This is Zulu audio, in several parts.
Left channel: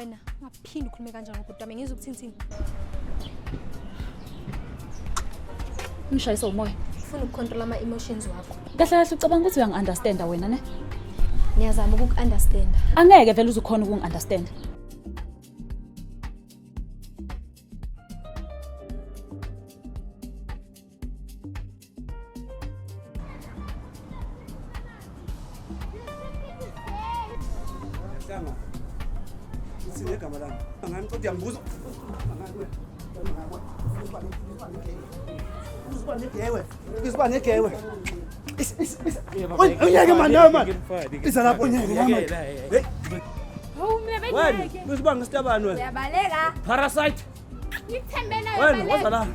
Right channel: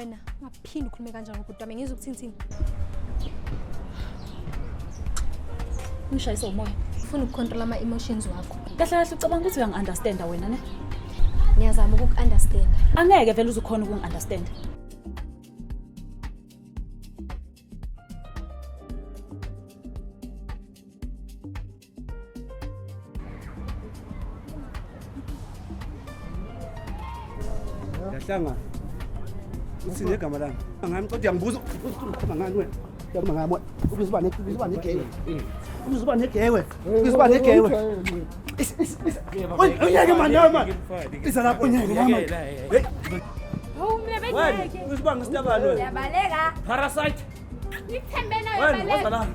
Wena ungaphindi ukhulume kanjalo ngokuthi wami ngizwe ukuthini. Ngishayisa umoya. Ufuna ukucontrol ama emotions wakho. Kahle kahle ucabanga ukuthi uyangi-understanda wena ne? Ngiyazama ukuku-understand. Angeke vele uzukhona ukungi-understand. Yahlanga. Uthini igama lami? Ngami kodwa uyambuza ukhuluma ngani wena? Uyabona ngami ubiza negay. Ubiza negay. Ubiza negay. Unyeke manama. Isa lapho unyeke mama. Hey. Hawu mina Wena ubiza ngistabani wena? Uyabaleka. Parasite. Ngikuthembe nawe Wena uyabaleka. wazala.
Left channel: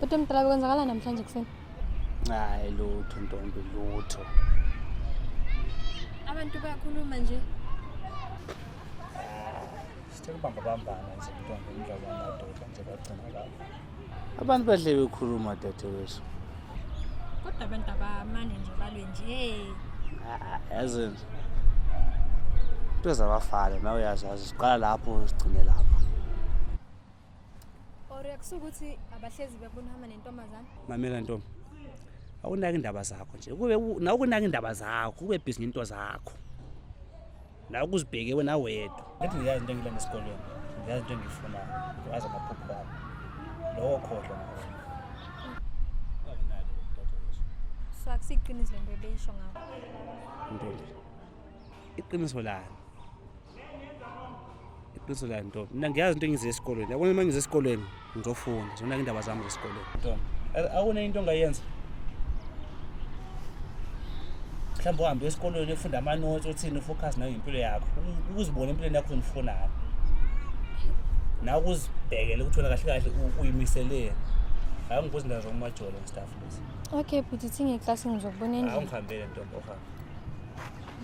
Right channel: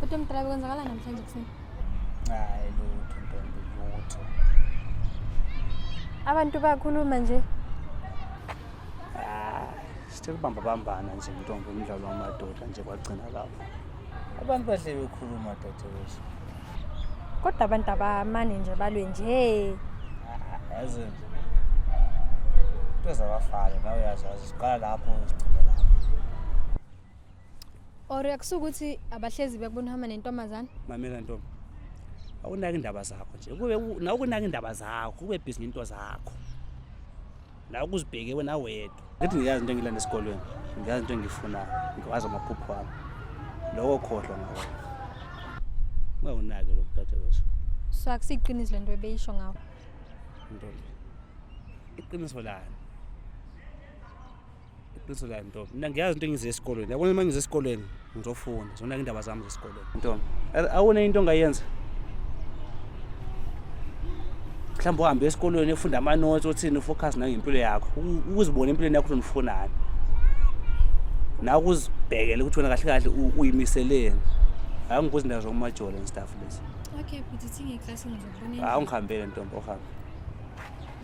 Kodwa mdala bekwenzakala namhlanje kuseni. Hayi lutho ntombi lutho. Abantu bayakhuluma nje. Sithe kubambabambana nje ntombi umdlalo wamadoda nje kwagcina lapho. Abantu bahle bekhuluma dadewethu. Kodwa abantu abamane nje balwe nje. Yazi into zabafana nawe uyazazi siqala lapho sigcine lapho. Or yakusukuthi abahlezi bekubona hamba nentombazana. Mamela ntombi. Awunaki indaba zakho nje. Kube na ukunaka indaba zakho, kube busy into zakho. La ukuzibheke wena wedwa. Lethi ngiyazi into engilanda esikolweni. Ngiyazi into engiyifunayo. Ngikwazi amaphupho ami. Lokho khohlwa ngawo. Ngawunaki lo dadewethu. So akusiqinisi lento ebeyisho ngawo. Ntombi. Iqiniso lani? Iqiniso lani ntombi? Mina ngiyazi into engize esikolweni. Yabona uma ngize esikolweni ngizofunda. Zonake indaba zami zesikolweni. Ntombi. Awuna into ongayenza? Mhlawumbe uhambe esikolweni ufunda ama notes othini ufocus na ngempilo yakho. Ukuzibona empilweni yakho unofunani. Na ukuzibhekela ukuthi wena kahle kahle uyimiseleni. Hayi ngibuza indaba zokumajolo and stuff lezi. Okay, but uthi ngeclass ngizokubona endlini. Ungihambele ntombi ohambe.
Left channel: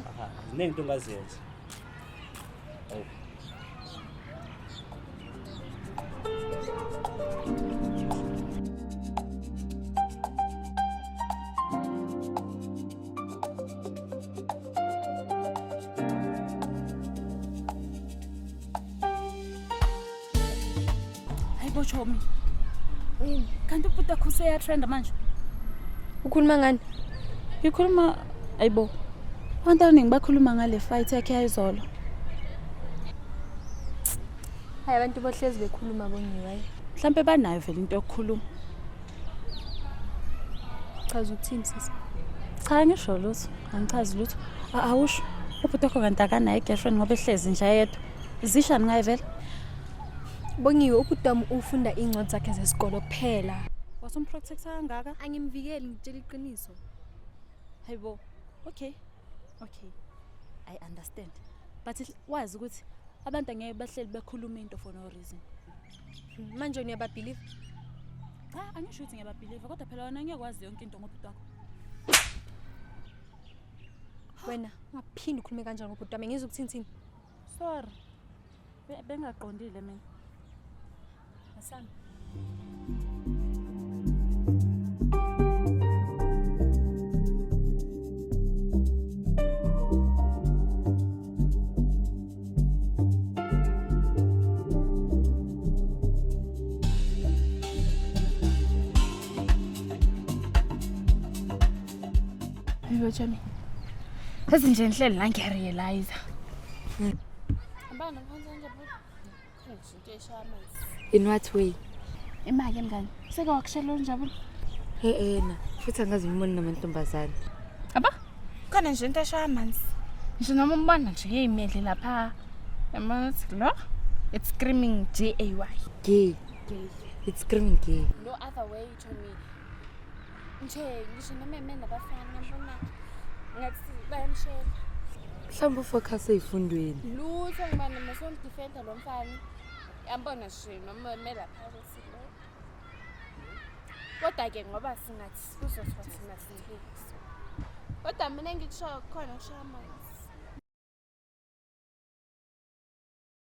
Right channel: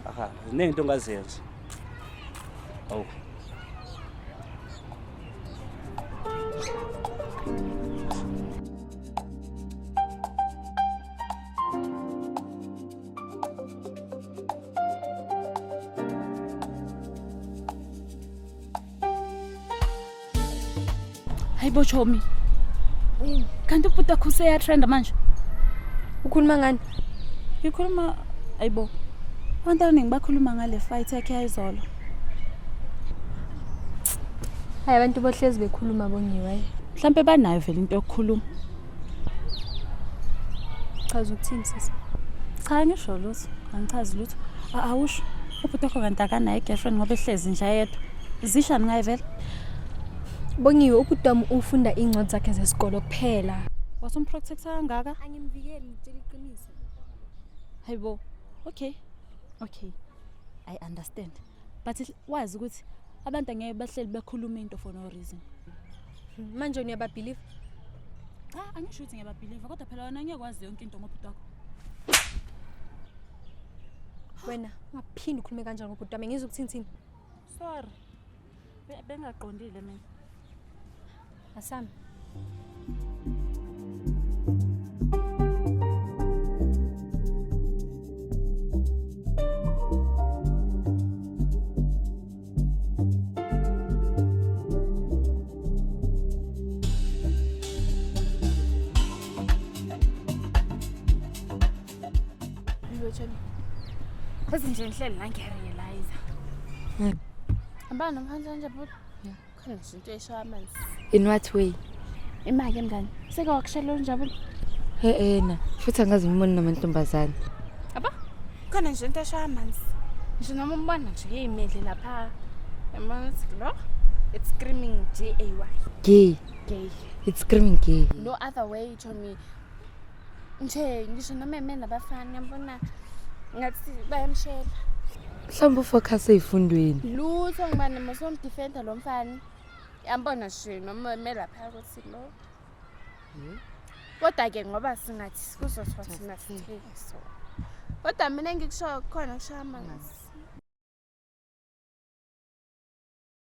Aha, ziningi into ongazenza. Awu. Hayibo Chomi. Kanti ubhuti wakho useyatrenda manje? Ukhuluma ngani? Ngikhuluma ayibo. Abantu abaningi bakhuluma ngale fight yakhe yayizolo. Hayi abantu bohlezi bekhuluma bongiwe. Mhlambe banayo vele into yokukhuluma. Chaza ukuthini sisi? Cha ngisho lutho, angichazi lutho. Awusho. Ubhuti wakho kanti akanayo girlfriend ngoba ehlezi nje yedwa. Zishani ngaye vele? Bongiwe ubudam ufunda incwadi zakhe zesikolo kuphela. Wasumprotector kangaka? Angimvikeli ngitshela iqiniso. Hayibo. Okay. I understand. But wazi ukuthi abantu angeke bahleli bekhuluma into for no reason. Manje uyababelieve? Cha, angisho ukuthi ngiyababelieve kodwa phela wena ngiyakwazi yonke into ngobhuti wakho. Wena ungaphindi ukhulume kanjalo ngobhuti wami ngizwe ukuthini. Sorry. Bengaqondile mina. Asami. Chomi. Sesi nje ngihleli la ngiyarealize. Abana manje nje bhuti. Khona izinto eshaya amanzi. In what way? Imake mngani. Seke wakushela unjabule. Na. Futhi angazi umboni namantombazane. Aba? Khona nje into eshaya amanzi. Ngisho noma umbona nje yeyimedle lapha. Yamona lo? It's screaming GAY. Gay. Gay. It's screaming gay. No other way Chomi. Nje ngisho noma emena nabafana yabona ngathi bayamshela. Mhlawumbe ufocus ey'fundweni. lutho ngibani masomdefenda lo mfana yambona shi noma melapha ukuthi lo kodwa-ke ngoba singathi kuzothiwa thina sinike so kodwa mina ngikusho khona kusho amanzi